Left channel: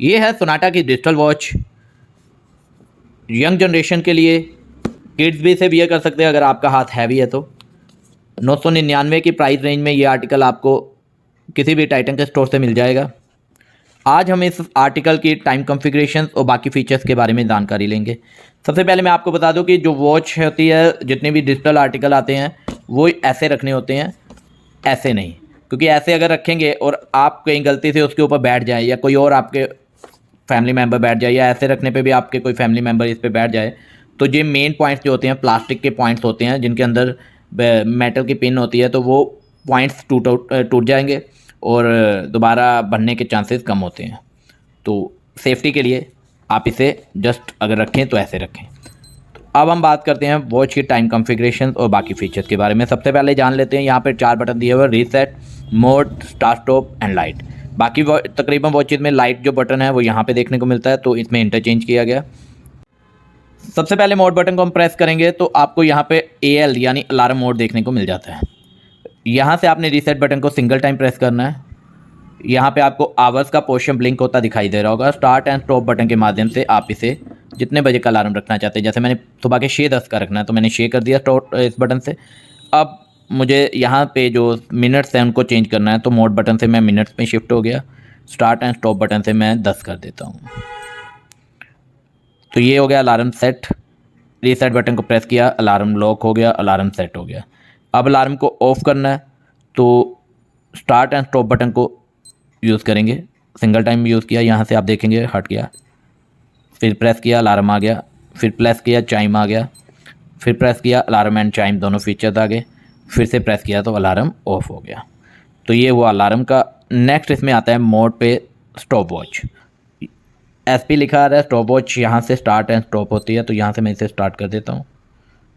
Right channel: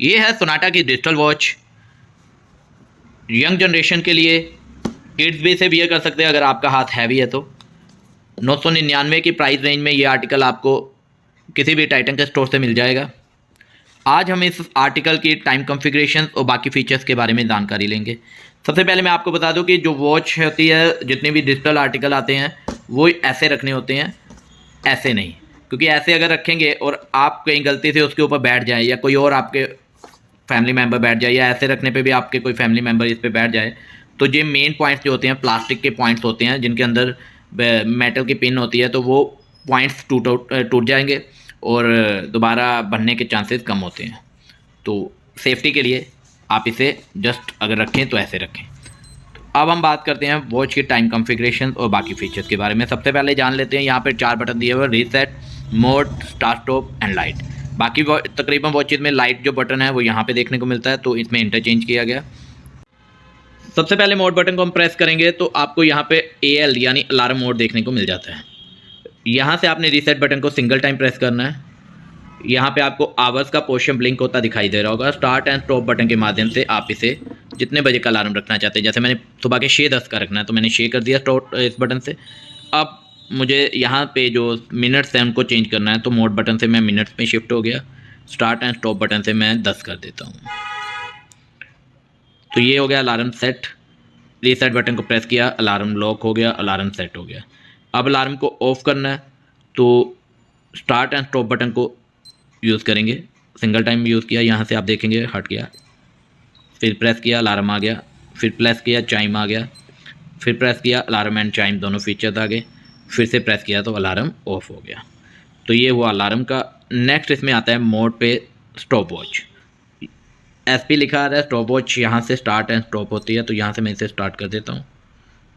ये है सोनाटा की डिजिटल वॉच। यंग जनरेशन के लिए, किड्स भी इसे वियर कर सकते हैं अगर आपका हाथ हैवी है तो। 999 की प्राइस रेंज में ये आर्टिकल आपको किसी भी टाइटन के स्टोर से मिल जाएगा। आज हम इस आर्टिकल की टाइम कॉन्फ़िगरेशन और बाकी फीचर्स के बारे में जानकारी लेंगे। सबसे पहले मैं आपको बता दूं कि जो वॉच होती है, जितने भी डिजिटल आर्टिकल आते हैं वो ऐसे रखने होते हैं, ऐसे नहीं। क्योंकि ऐसे अगर रखेंगे और आप कहीं गलती से उसके ऊपर बैठ जाए या कोई और आपके फैमिली मेम्बर बैठ जाए, या ऐसे रखने पे भी आपके कोई फैमिली मेम्बर इस पे बैठ जाए, तो ये मेन पॉइंट्स जो होते हैं प्लास्टिक के पॉइंट्स होते हैं जिनके अंदर मेटल की पिन होती है, तो वो पॉइंट्स टूट जाएंगे और दोबारा बनने के चांसेस कम होते हैं। तो सेफ्टी के लिए आप इसे जस्ट अगर रखें तो ऐसे रखें। अब हम बात करते हैं वॉच की टाइम कॉन्फ़िगरेशन और बाकी फीचर्स के बारे में। सबसे पहले जान लेते हैं, यहाँ पे 4 बटन दिए हुए, reset, mode, start stop and light. बाकी तकरीबन वॉचेज में लाइट जो बटन है वो यहाँ पे देखने को मिलता है, तो इसमें इंटरचेंज किया गया। सबसे पहले मोड बटन को हम प्रेस करेंगे तो आपको यहाँ पे AL यानी अलार्म मोड देखने को मिल जाता है। यहाँ से आपने रीसेट बटन को सिंगल टाइम प्रेस करना है। यहाँ पे आपको आवर्स का पोर्शन ब्लिंक होता दिखाई दे रहा होगा। स्टार्ट एंड स्टॉप बटन के माध्यम से आप इसे जितने बजे का अलार्म रखना चाहते हैं, जैसे मैंने सुबह के 6:10 का रखना है तो मैंने 6 कर दिया स्टॉप इस बटन से। अब मुझे यहाँ पे जो मिनट्स हैं उनको चेंज करना है, तो मोड बटन से मैं मिनट्स में शिफ्ट हो गया। स्टार्ट एंड स्टॉप बटन से मैं 10 कर देता हूँ। तो ये हो गया अलार्म सेट। रीसेट बटन को प्रेस किया, अलार्म लॉक हो गया, अलार्म सेट हो गया। अब अलार्म को ऑफ़ करना है तो स्टार्ट एंड स्टॉप बटन को यूज़ करेंगे। सिंगल टाइम यूज़ किया, यहाँ से आप देखेंगे हट गया, फिर प्रेस किया अलार्म आ गया, फिर प्रेस किया चाइम आ गया, फिर प्रेस किया अलार्म एंड चाइम दोनों फीचर्स आ गए, फिर से प्रेस किया तो अलार्म ऑफ हो गया। तो ये हुआ अलार्म का। नेक्स्ट इसमें आता है मोड पे स्टॉप वॉच। SP लिखा आ रहा है, स्टॉप वॉच यहाँ से स्टार्ट एंड स्टॉप होती है, तो यहाँ से मैं इसे स्टार्ट कर देता हूँ।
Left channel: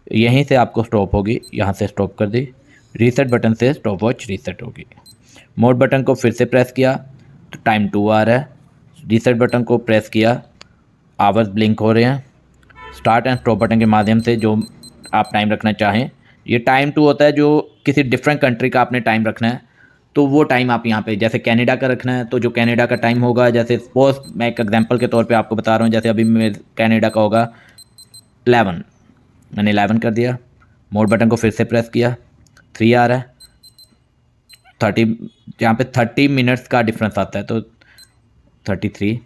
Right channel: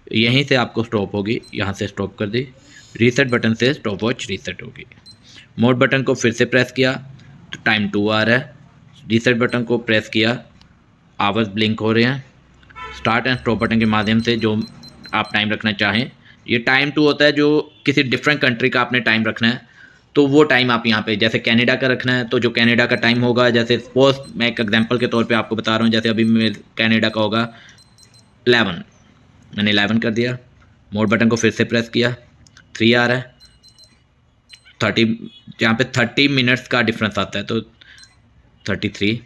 यहीं से आपको स्टॉप होगी, यहाँ से स्टॉप कर दी। रीसेट बटन से स्टॉप वॉच रीसेट होगी। मोड बटन को फिर से प्रेस किया तो टाइम 2 आ रहा है। रीसेट बटन को प्रेस किया, आवर्स ब्लिंक हो रहे हैं। स्टार्ट एंड स्टॉप बटन के माध्यम से जो आप टाइम रखना चाहें, ये टाइम 2 होता है जो किसी डिफरेंट कंट्री का आपने टाइम रखना है, तो वो टाइम आप यहाँ पे, जैसे कनाडा का रखना है तो जो कनाडा का टाइम होगा, जैसे सपोज मैं एक एग्जांपल के तौर पे आपको बता रहा हूँ, जैसे अभी मेरे कनाडा का होगा 11, मैंने 11 कर दिया। मोड बटन को फिर से प्रेस किया, 3 आ रहा है। 30, जहाँ पे 30 मिनट्स का डिफरेंस आता है तो 33,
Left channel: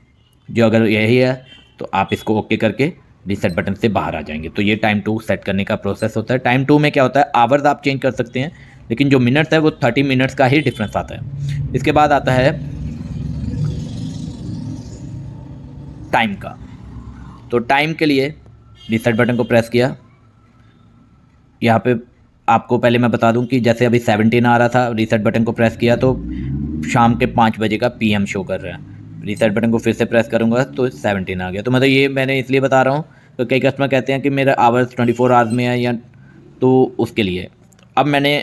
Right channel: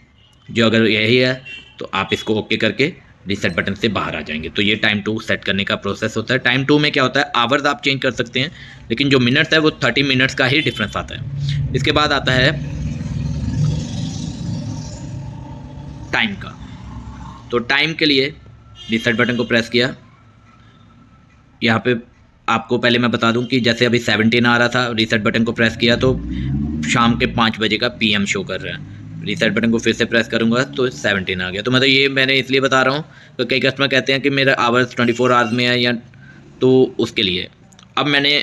जो अगर यही है तो आप इसको ओके करके रीसेट बटन से बाहर आ जाएंगे। तो ये टाइम 2 सेट करने का प्रोसेस होता है। टाइम 2 में क्या होता है, आवर्स आप चेंज कर सकते हैं, लेकिन जो मिनट्स है वो 30 मिनट्स का ही डिफरेंस आता है। इसके बाद आता है टाइम का। तो टाइम के लिए रीसेट बटन को प्रेस किया। यहाँ पे आपको पहले मैं बता दूं कि जैसे अभी 17 आ रहा था, रीसेट बटन को प्रेस किया तो शाम के 5 बजे का PM शो कर रहा है। रीसेट बटन को फिर से प्रेस करूँगा तो 17 आ गया। तो मतलब ये मैंने इसलिए बता रहा हूँ तो कई कस्टमर कहते हैं कि मेरा आवर्स 24 आवर्स में है, या तो उसके लिए। अब मैंने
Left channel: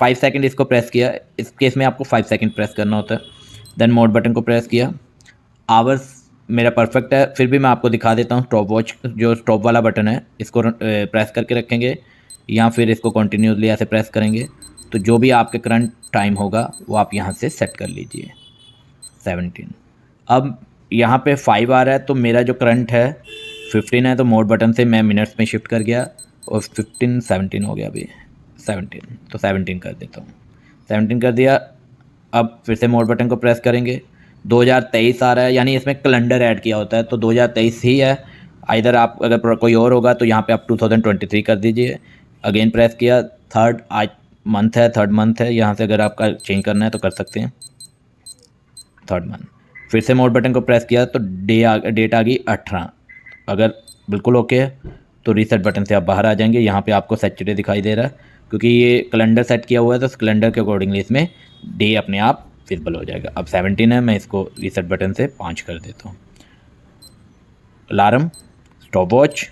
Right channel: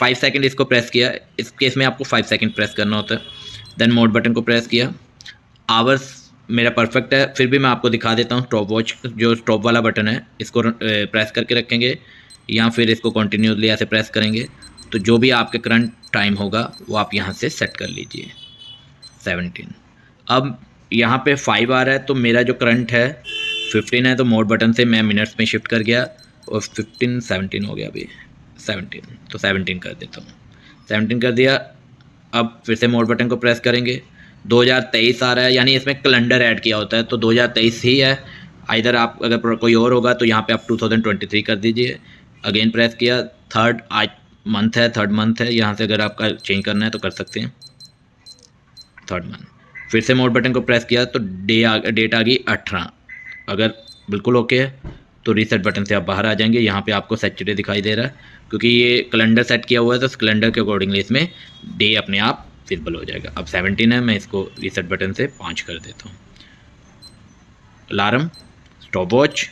5 सेकंड इसको प्रेस किया, इस केस में आपको 5 सेकंड प्रेस करना होता है। देन मोड बटन को प्रेस किया, आवर्स मेरा परफेक्ट है। फिर भी मैं आपको दिखा देता हूँ स्टॉप वॉच, जो स्टॉप वाला बटन है इसको प्रेस करके रखेंगे, या फिर इसको कंटिन्यूसली ऐसे प्रेस करेंगे तो जो भी आपके करंट टाइम होगा वो आप यहाँ से सेट कर लीजिए। 17, अब यहाँ पे 5 आ रहा है तो मेरा जो करंट है 15 है, तो मोड बटन से मैं मिनट्स में शिफ्ट कर गया और 15 17 हो गया अभी 17, तो 17 कर देता हूँ। 17 कर दिया। अब फिर से मोड बटन को प्रेस करेंगे, 2023 आ रहा है, यानी इसमें कैलेंडर ऐड किया होता है तो 2023 ही है। इधर आप अगर कोई और होगा तो यहाँ पे आप 2023 कर दीजिए। अगेन प्रेस किया, थर्ड आज मंथ है, थर्ड मंथ है, यहाँ से अगर आपका चेंज करना है तो कर सकते हैं, थर्ड मंथ। फिर से मोड बटन को प्रेस किया तो डेट आ गई 18। अगर बिल्कुल ओके है तो रीसेट बटन से आप बाहर आ जाएंगे। यहाँ पे आपको सैचुरे दिखाई दे रहा है क्योंकि ये कैलेंडर सेट किया हुआ है, तो कैलेंडर के अकॉर्डिंगली इसमें डे अपने आप विजिबल हो जाएगा। अब 17 है, मैं इसको रीसेट बटन से 5 कर देता हूँ। Alarm, stop watch,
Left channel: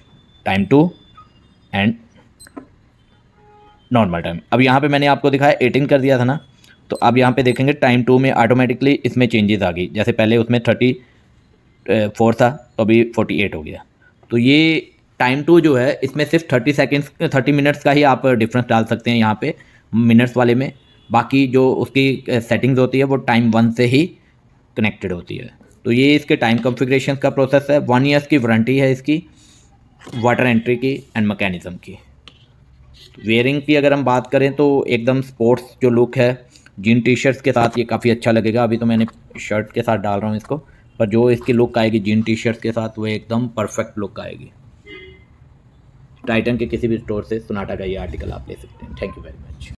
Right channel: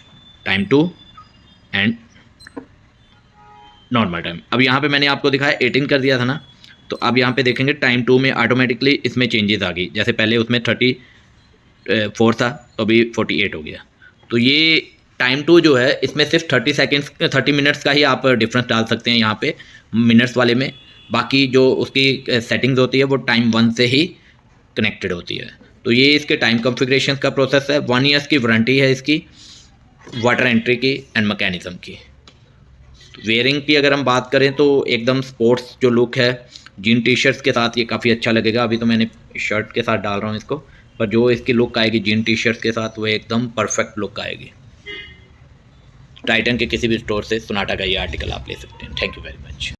time 2 and normal time. अब यहाँ पे मैंने आपको दिखाया 18 कर दिया था ना, तो अब यहाँ पे देखेंगे टाइम 2 में ऑटोमेटिकली इसमें चेंजेस आ गई। जैसे पहले उसमें 34 था तो अभी 48 हो गया। तो ये टाइम 2 जो है इसमें सिर्फ 30 मिनट्स का ही आप डिफरेंस डाल सकते हैं यहाँ पे मिनट्स वाले में। बाकी जो उसकी सेटिंग्स होती है वो टाइम 1 से ही कनेक्टेड होती है। तो ये इसके टाइम कॉन्फ़िगरेशन का प्रोसेस है। 1 ईयर्स की वारंटी है इसकी, वाटर एंट्री की एंड मैकेनिज़्म की। वेयरिंग की अगर हम बात करें तो एकदम स्पोर्ट्स जो लुक है, जीन टी शर्ट्स के साथ ये काफ़ी अच्छा लगेगा। अभी तो मैंने शर्ट के साथ डाल रहा हूँ इसको, पर जो इसकी लुक आएगी जीन टी शर्ट्स के साथ वो एकदम परफेक्ट लुक आएगी। टाइटन के किसी भी स्टोर से सोनाटा का ये आर्टिकल आप ले सकते हैं। Thank you very much.